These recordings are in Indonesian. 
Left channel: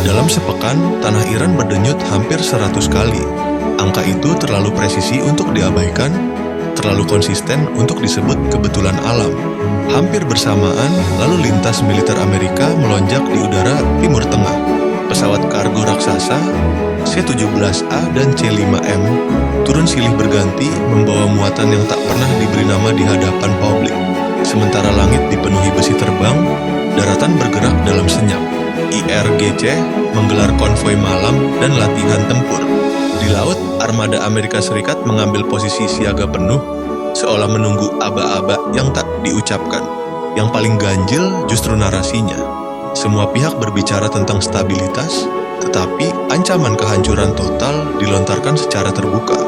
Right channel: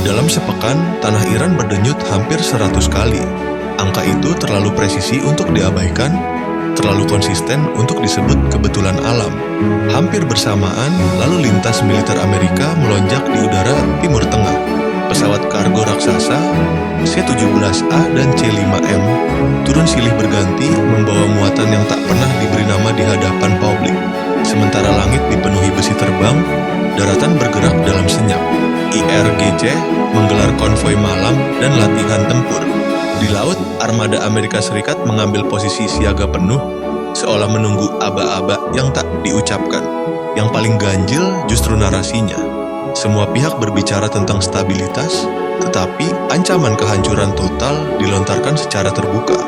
Dalam sepekan, tanah Iran berdenyut hampir 100 kali. Angka itu terlalu presisi untuk diabaikan, terlalu konsisten untuk disebut kebetulan alam. Hampir bersamaan, lalu lintas militer Amerika melonjak di udara Timur Tengah. Pesawat kargo raksasa C-17A dan C-5M turun silih berganti membawa muatan yang tak pernah diberi nama di hadapan publik. Sementara langit dipenuhi besi terbang, daratan bergerak dalam senyap. IRGC menggelar konvoi malam dan latihan tempur. Di laut, armada Amerika Serikat mengambil posisi siaga penuh, seolah menunggu aba-aba yang tak diucapkan. Yang paling ganjil justru narasinya. Semua pihak berbicara tentang stabilitas, tetapi ancaman kehancuran total dilontarkan secara terbuka.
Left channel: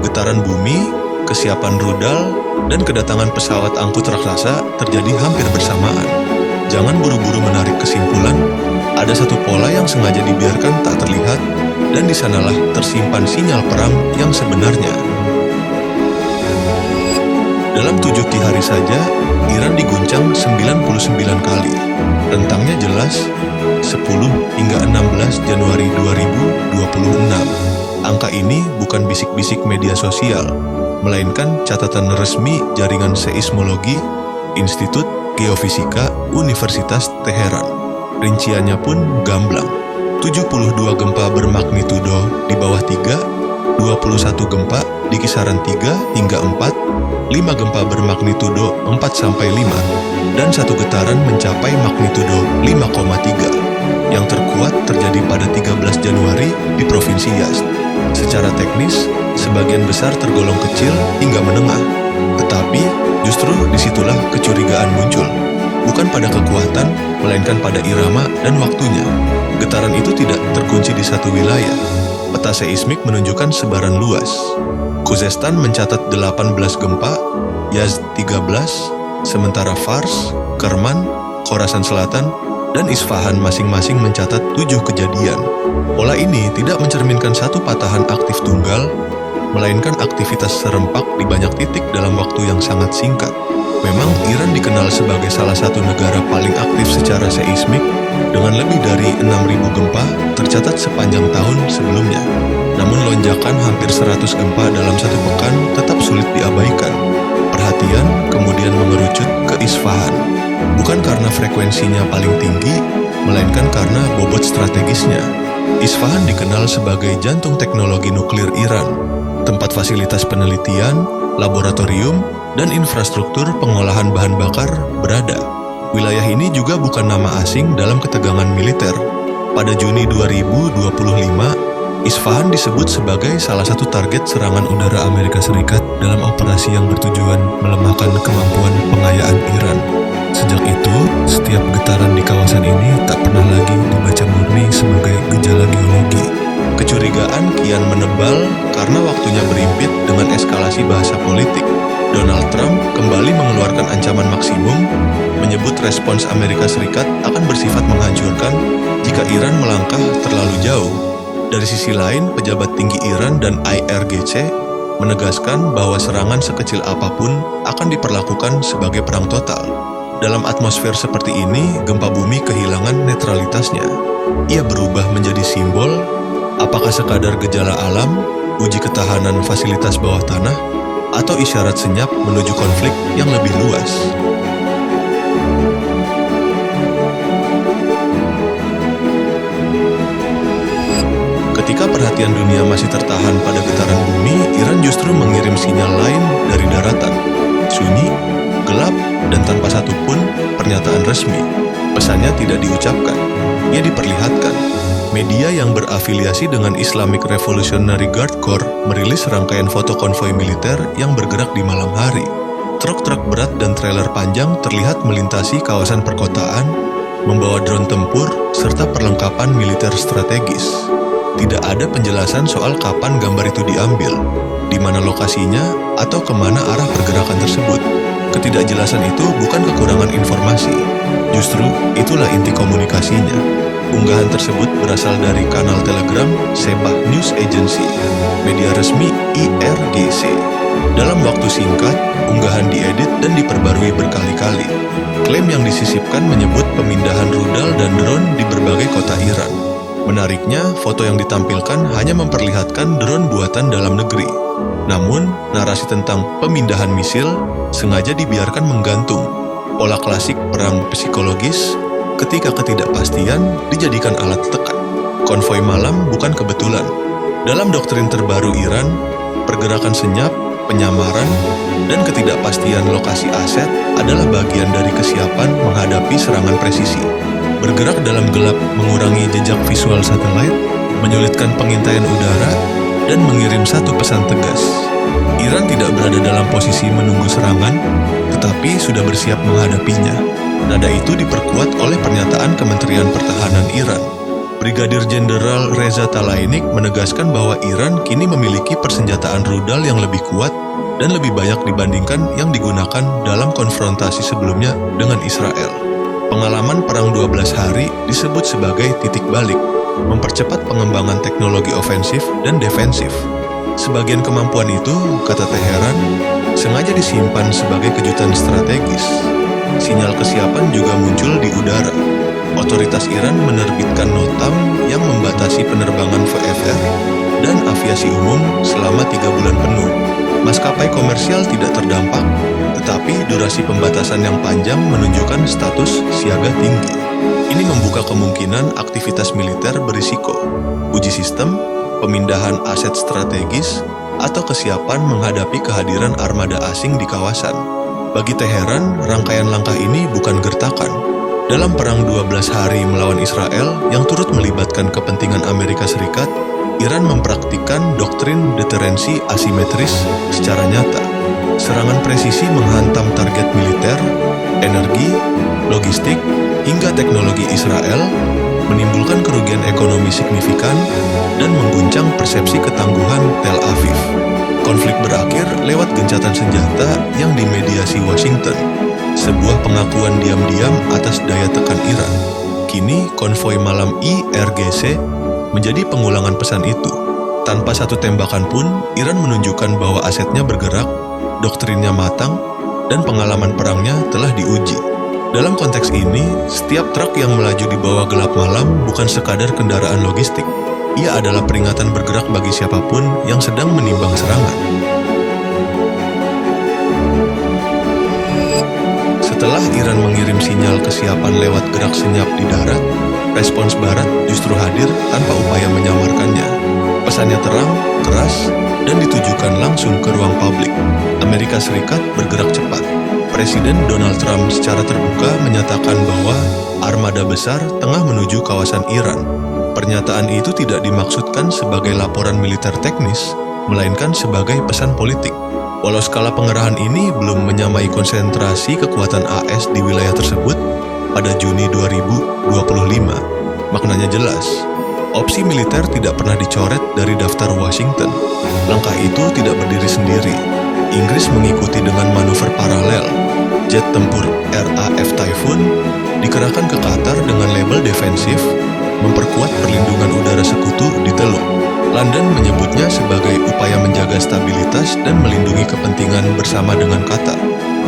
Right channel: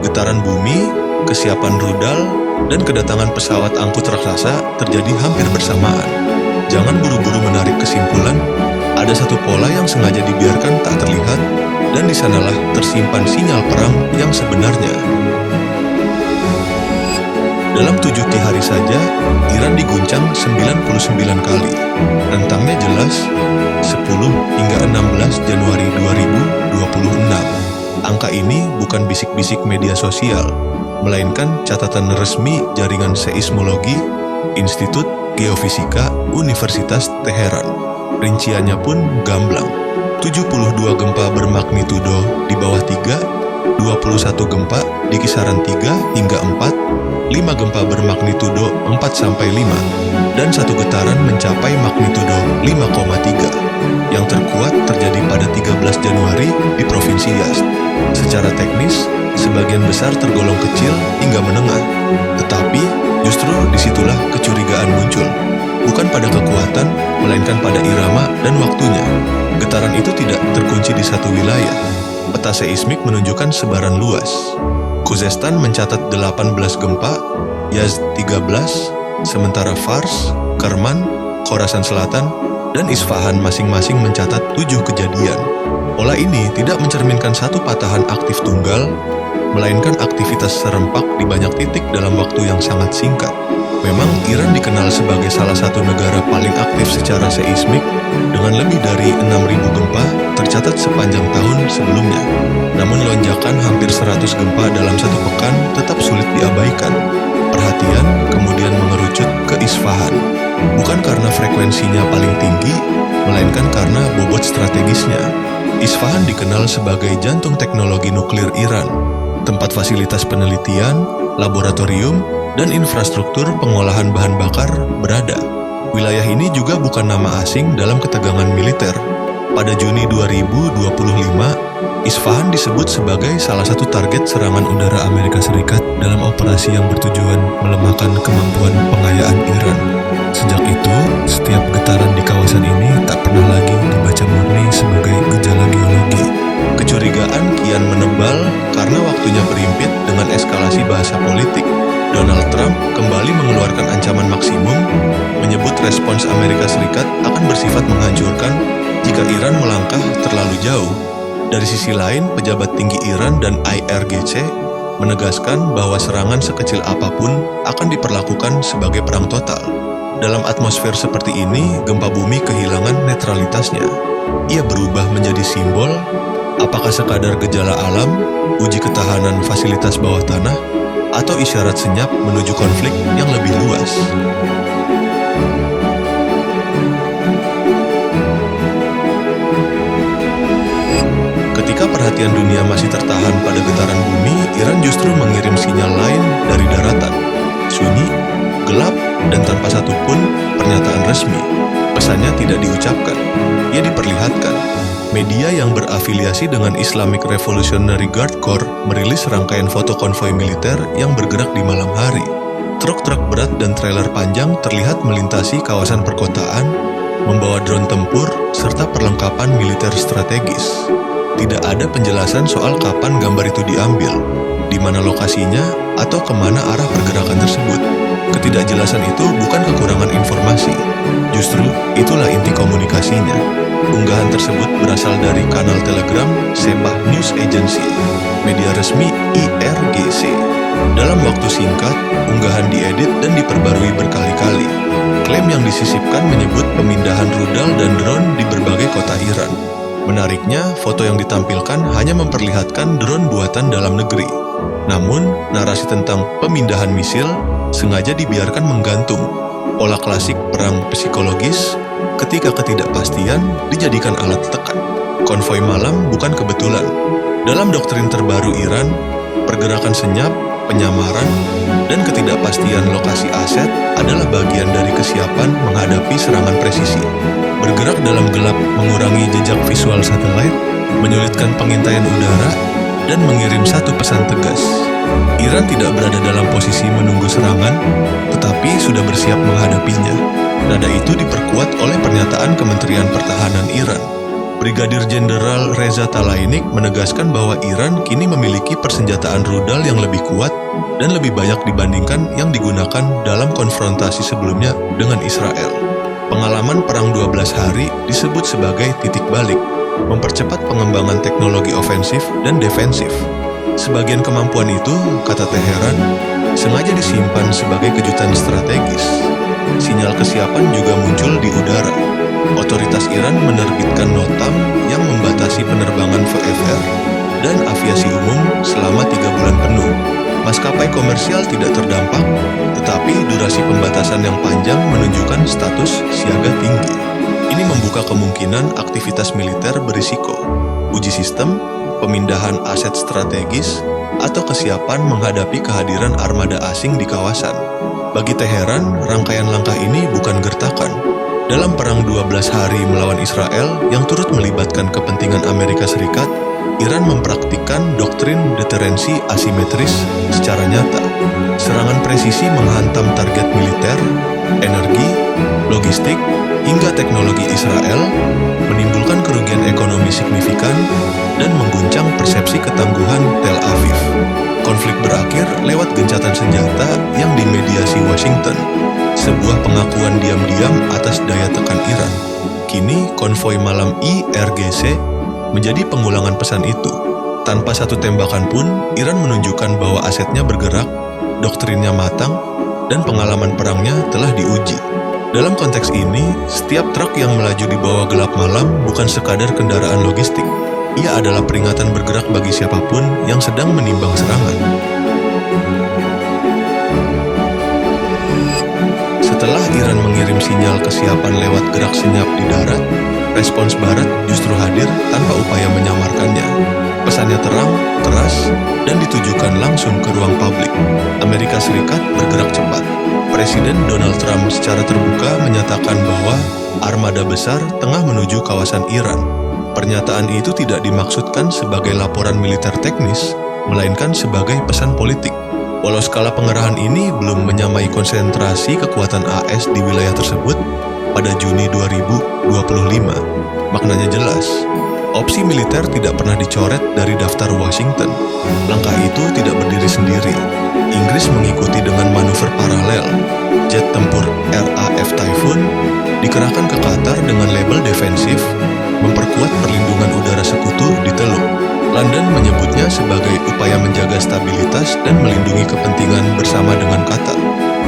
Getaran bumi, kesiapan rudal, dan kedatangan pesawat angkut raksasa terjadi hampir bersamaan. Jangan buru-buru menarik kesimpulan. Ada satu pola yang sengaja dibiarkan tak terlihat, dan di sanalah tersimpan sinyal perang yang sebenarnya. Dalam 7 hari saja, Iran diguncang 99 kali. Rentangnya jelas, 10 hingga 16 Januari 2026. Angka ini bukan bisik-bisik media sosial, melainkan catatan resmi Jaringan Seismologi Institut Geofisika Universitas Teheran. Rinciannya pun gamblang. 72 gempa bermagnitudo di bawah 3, 21 gempa di kisaran 3 hingga 4, 5 gempa bermagnitudo 4-5, dan 1 getaran mencapai magnitudo 5,3. Yang terkuat terjadi pada 13 Januari di Provinsi Yazd. Secara teknis, sebagian besar tergolong kecil hingga menengah. Tetapi, justru disitulah kecurigaan muncul. Bukan pada kekuatan, melainkan pada irama dan waktunya. Getaran itu tidak terkunci di satu wilayah. Peta seismik menunjukkan sebaran luas. Khuzestan mencatat 18 gempa, Yazd 13, sementara Fars, Kerman, Khorasan Selatan, dan Isfahan masing-masing mencatat 7 kejadian. Pola ini tidak mencerminkan satu patahan aktif tunggal, melainkan aktivitas serempak di banyak titik dalam waktu yang sangat singkat. Memang Iran dikenal sebagai salah satu negara paling aktif secara seismik dengan lebih dari 6.000 gempa tercatat sepanjang tahun sebelumnya. Namun lonjakan hampir 100 gempa dalam satu pekan tetap sulit diabaikan. Perhatian kemudian mengerucut ke Isfahan. Bukan karena frekuensinya paling tinggi, melainkan karena bobot strategisnya. Isfahan dikenal sebagai jantung teknologi nuklir Iran, tempat fasilitas penelitian, laboratorium, dan infrastruktur pengolahan bahan bakar berada. Wilayah ini juga bukan nama asing dalam ketegangan militer. Pada Juni 2025, Isfahan disebut sebagai salah satu target serangan udara Amerika Serikat dalam operasi yang bertujuan melemahkan kemampuan pengayaan Iran. Sejak itu, setiap getaran di kawasan ini tak pernah lagi dibaca murni sebagai gejala geologi. Kecurigaan kian menebal karena waktunya berimpit dengan eskalasi bahasa politik. Donald Trump kembali mengeluarkan ancaman maksimum, menyebut respons Amerika Serikat akan bersifat menghancurkan jika Iran melangkah terlalu jauh. Dari sisi lain, pejabat tinggi Iran dan IRGC menegaskan bahwa serangan sekecil apapun akan diperlakukan sebagai perang total. Dalam atmosfer seperti ini, gempa bumi kehilangan netralitasnya. Ia berubah menjadi simbol, apakah sekadar gejala alam, uji ketahanan fasilitas bawah tanah, atau isyarat senyap menuju konflik yang lebih luas. Ketika perhatian dunia masih tertahan pada getaran bumi, Iran justru mengirim sinyal lain dari daratan. Sunyi, gelap, dan tanpa satupun pernyataan resmi. Pesannya tidak diucapkan, ia diperlihatkan. Media yang berafiliasi dengan Islamic Revolutionary Guard Corps merilis rangkaian foto konvoi militer yang bergerak di malam hari. Truk-truk berat dan trailer panjang terlihat melintasi kawasan perkotaan, membawa drone tempur serta perlengkapan militer strategis. Tidak ada penjelasan soal kapan gambar itu diambil, di mana lokasinya, atau kemana arah pergerakan tersebut. Ketidakjelasan itu bukan kekurangan informasi, justru itulah inti komunikasinya. Unggahan tersebut berasal dari kanal Telegram Sepah News Agency. media resmi IRGC. Dalam waktu singkat, unggahan diedit dan diperbarui berkali-kali. Klaim yang disisipkan menyebut pemindahan rudal dan drone di berbagai kota Iran. Menariknya, foto yang ditampilkan hanya memperlihatkan drone buatan dalam negeri. Namun, narasi tentang pemindahan misil sengaja dibiarkan menggantung. Pola klasik perang psikologis ketika ketidakpastian dijadikan alat tekan. Konvoi malam bukan kebetulan. Dalam doktrin terbaru Iran, pergerakan senyap, penyamaran, dan ketidakpastian lokasi aset adalah bagian dari kesiapan menghadapi serangan presisi. Bergerak dalam gelap mengurangi jejak visual satelit, menyulitkan pengintaian udara, dan mengirim satu pesan tegas. Iran tidak berada dalam posisi menunggu serangan, tetapi sudah bersiap menghadapinya. Nada itu diperkuat oleh pernyataan Kementerian Pertahanan Iran. Brigadir Jenderal Reza Talainik menegaskan bahwa Iran kini memiliki persenjataan rudal yang lebih kuat dan lebih banyak dibandingkan yang digunakan dalam konfrontasi sebelumnya dengan Israel. Pengalaman perang 12 hari disebut sebagai titik balik, mempercepat pengembangan teknologi ofensif dan defensif. Sebagian kemampuan itu, kata Teheran, sengaja disimpan sebagai kejutan strategis. Sinyal kesiapan juga muncul di udara. Otoritas Iran menerbitkan notam yang membatasi penerbangan VFR dan aviasi umum selama 3 bulan penuh. Maskapai komersial tidak terdampak, tetapi durasi pembatasan yang panjang menunjukkan status siaga tinggi. Ini membuka kemungkinan aktivitas militer berisiko, uji sistem, pemindahan aset strategis, atau kesiapan menghadapi kehadiran armada asing di kawasan. Bagi Teheran, rangkaian langkah ini bukan gertakan. Dalam perang 12 hari melawan Israel yang turut melibatkan kepentingan Amerika Serikat, Iran mempraktikkan doktrin deterensi asimetris secara nyata. Serangan presisi menghantam target militer, energi, logistik, hingga teknologi Israel, menimbulkan kerugian ekonomi signifikan, dan mengguncang persepsi ketangguhan Tel Aviv. Konflik berakhir lewat gencatan senjata yang dimediasi Washington, sebuah pengakuan diam-diam atas daya tekan Iran. Kini, konvoi malam IRGC menjadi pengulangan pesan itu. Tanpa satu tembakan pun, Iran menunjukkan bahwa asetnya bergerak, doktrinnya matang, dan pengalaman perangnya telah diuji. Dalam konteks ini, setiap truk yang melaju di bawah gelap malam bukan sekadar kendaraan logistik. Ia adalah peringatan bergerak bagi siapapun yang sedang menimbang serangan. Setelah Iran mengirim sinyal kesiapan lewat gerak senyap di darat, respons Barat justru hadir tanpa upaya menyamarkannya. Pesannya terang, keras, dan ditujukan langsung ke ruang publik. Amerika Serikat bergerak cepat. Presiden Donald Trump secara terbuka menyatakan bahwa armada besar tengah menuju kawasan Iran. Pernyataan itu tidak dimaksudkan sebagai laporan militer teknis, melainkan sebagai pesan politik. Walau skala pengerahan ini belum menyamai konsentrasi kekuatan AS di wilayah tersebut, pada Juni 2025, maknanya jelas. Opsi militer tidak pernah dicoret dari daftar Washington. Langkah itu tidak berdiri sendiri. Inggris mengikuti dengan manuver paralel. Jet tempur RAF Typhoon dikerahkan ke Qatar dengan label defensif, memperkuat perlindungan udara sekutu di Teluk. London menyebutnya sebagai upaya menjaga stabilitas dan melindungi kepentingan bersama dengan Qatar.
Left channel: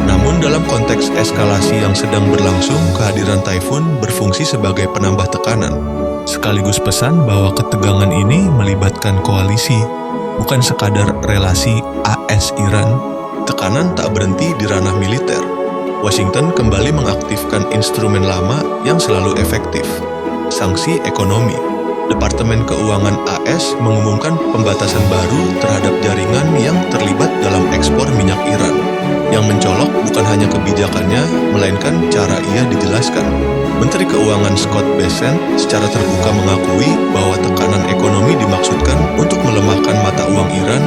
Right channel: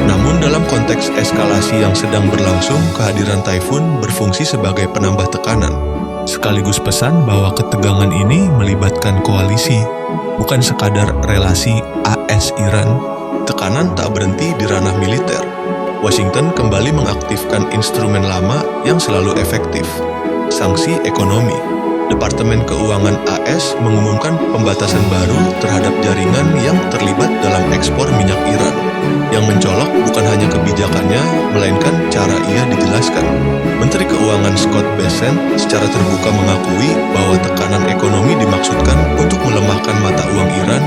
Namun dalam konteks eskalasi yang sedang berlangsung, kehadiran Typhoon berfungsi sebagai penambah tekanan, sekaligus pesan bahwa ketegangan ini melibatkan koalisi, bukan sekadar relasi AS-Iran. Tekanan tak berhenti di ranah militer. Washington kembali mengaktifkan instrumen lama yang selalu efektif, sanksi ekonomi. Departemen Keuangan AS mengumumkan pembatasan baru terhadap jaringan yang terlibat dalam ekspor minyak Iran. Yang mencolok bukan hanya kebijakannya, melainkan cara ia dijelaskan. Menteri Keuangan Scott Bessent secara terbuka mengakui bahwa tekanan ekonomi dimaksudkan untuk melemahkan mata uang Iran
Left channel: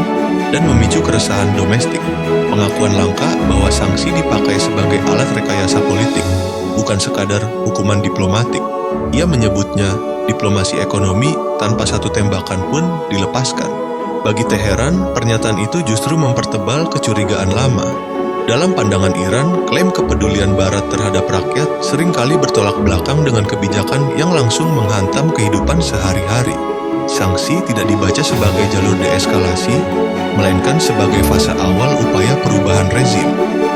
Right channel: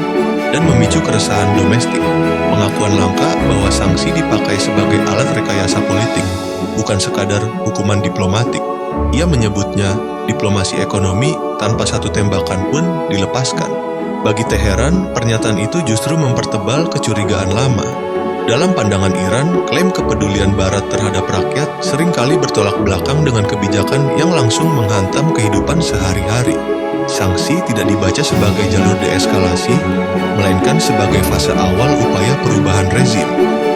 dan memicu keresahan domestik. Pengakuan langka bahwa sanksi dipakai sebagai alat rekayasa politik, bukan sekadar hukuman diplomatik. Ia menyebutnya diplomasi ekonomi tanpa satu tembakan pun dilepaskan. Bagi Teheran, pernyataan itu justru mempertebal kecurigaan lama. Dalam pandangan Iran, klaim kepedulian Barat terhadap rakyat seringkali bertolak belakang dengan kebijakan yang langsung menghantam kehidupan sehari-hari. sanksi tidak dibaca sebagai jalur deeskalasi, melainkan sebagai fase awal upaya perubahan rezim.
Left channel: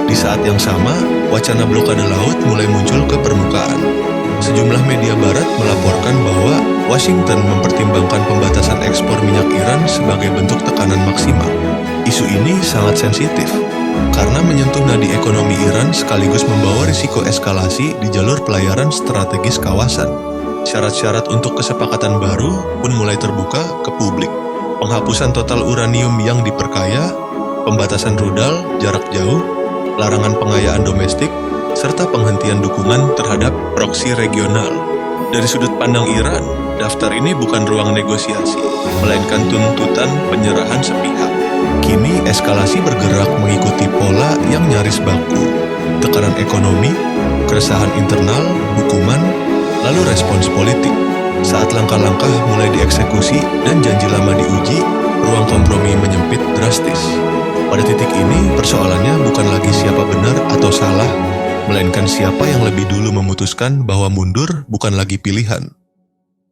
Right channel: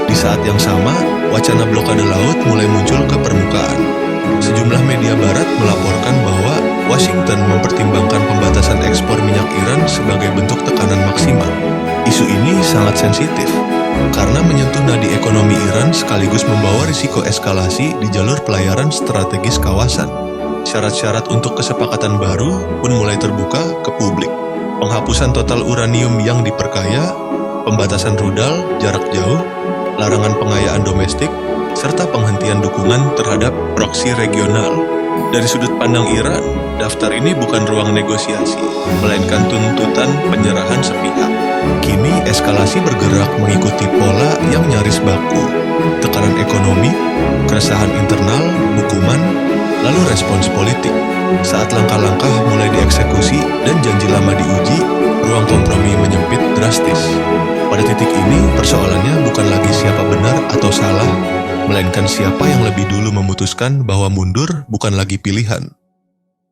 Di saat yang sama, wacana blokade laut mulai muncul ke permukaan. Sejumlah media barat melaporkan bahwa Washington mempertimbangkan pembatasan ekspor minyak Iran sebagai bentuk tekanan maksimal. Isu ini sangat sensitif, karena menyentuh nadi ekonomi Iran sekaligus membawa risiko eskalasi di jalur pelayaran strategis kawasan. Syarat-syarat untuk kesepakatan baru pun mulai terbuka ke publik. Penghapusan total uranium yang diperkaya, pembatasan rudal jarak jauh, larangan pengayaan domestik, serta penghentian dukungan terhadap proksi regional. Dari sudut pandang Iran, daftar ini bukan ruang negosiasi, melainkan tuntutan penyerahan sepihak. Kini eskalasi bergerak mengikuti pola yang nyaris baku. Tekanan ekonomi, keresahan internal, hukuman, lalu respons politik. Saat langkah-langkah mulai dieksekusi dan janji lama diuji, ruang kompromi menyempit drastis. Pada titik ini, persoalannya bukan lagi siapa benar atau salah, melainkan siapa yang lebih dulu memutuskan bahwa mundur bukan lagi pilihan.